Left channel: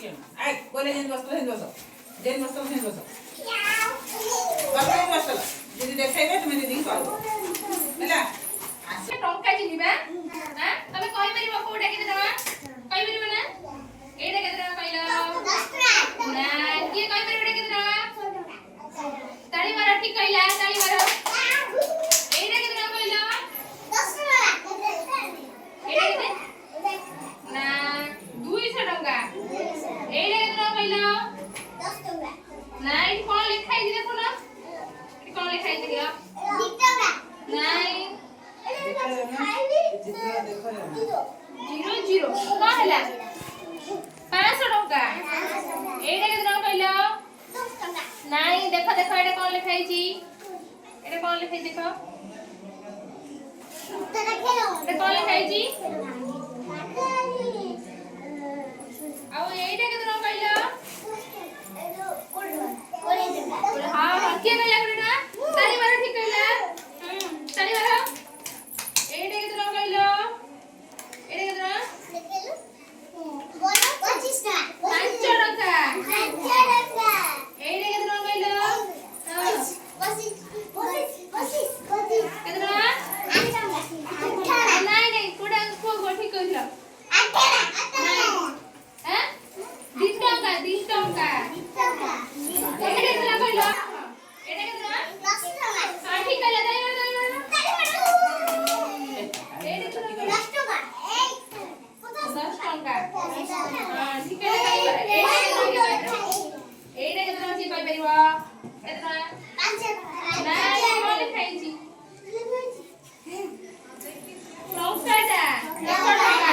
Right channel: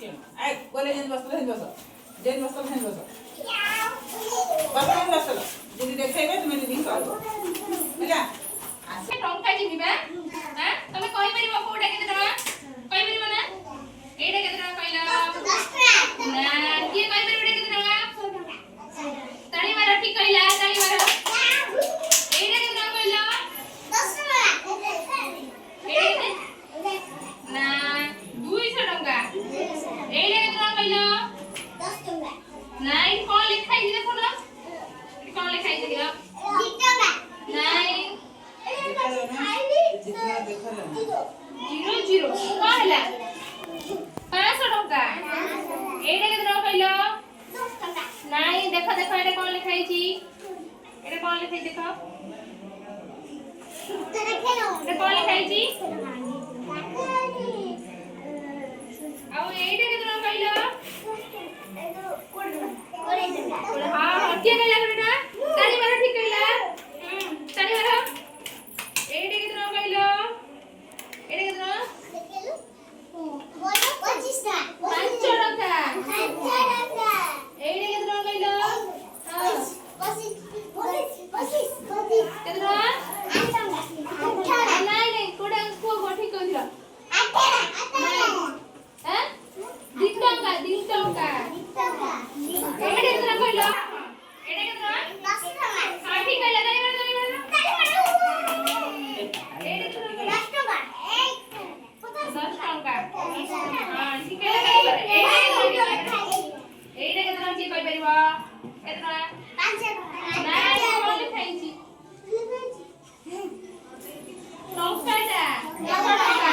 आय बोले हेन बस जेन बस बाबा हेन बस दीदी देखेबे तुम दीदी कहबो ହେଲା टंका जिनिबा हां तमे कहि परिबो कोडा केते टका कहि परिबो ना एडा केते टका कहला 10 टका ना किए कहि परिबो एडा केते टका ताली मारो ठीक कहला ताली मारो एडा केते टका कहला 10 टका एडा ना 200 टका एडा केते टका कहला 10 टका ना ई कोन लिखाई दिले कोन ई कोन लिखाई दिले 2 टका नहीं जीरो जीरो कौन है 500 टका एडा केते टका कहलो 10 टका नहीं देखो देखो एडा कौन लिखाई छी एडा कौन लिखाई देखो एडा कौन लिखाई छी आओ एडा केते टका कहलो हां हां के कहला बेटा ताली मारो ठीक कहला ताली मारो एडे केते टका कहलो एडे केते टका देखेलो बोलो 25 टका 5 टका एडे केते टका कहलो 25 केते टका 8 टका नहीं नहीं कोडा को ठीक कहला 8 टका हैं 2 टका एडे केते टका कहलो एडे केते टका 10 टका हां ठीक कहला ताली मारो एडे केते टका 10 टका 10 टका हां ठीक है एडे केते टका की कहि परिबो केते टका 5 टका नाही कोन लिखाई छी टंकाटा 10 टका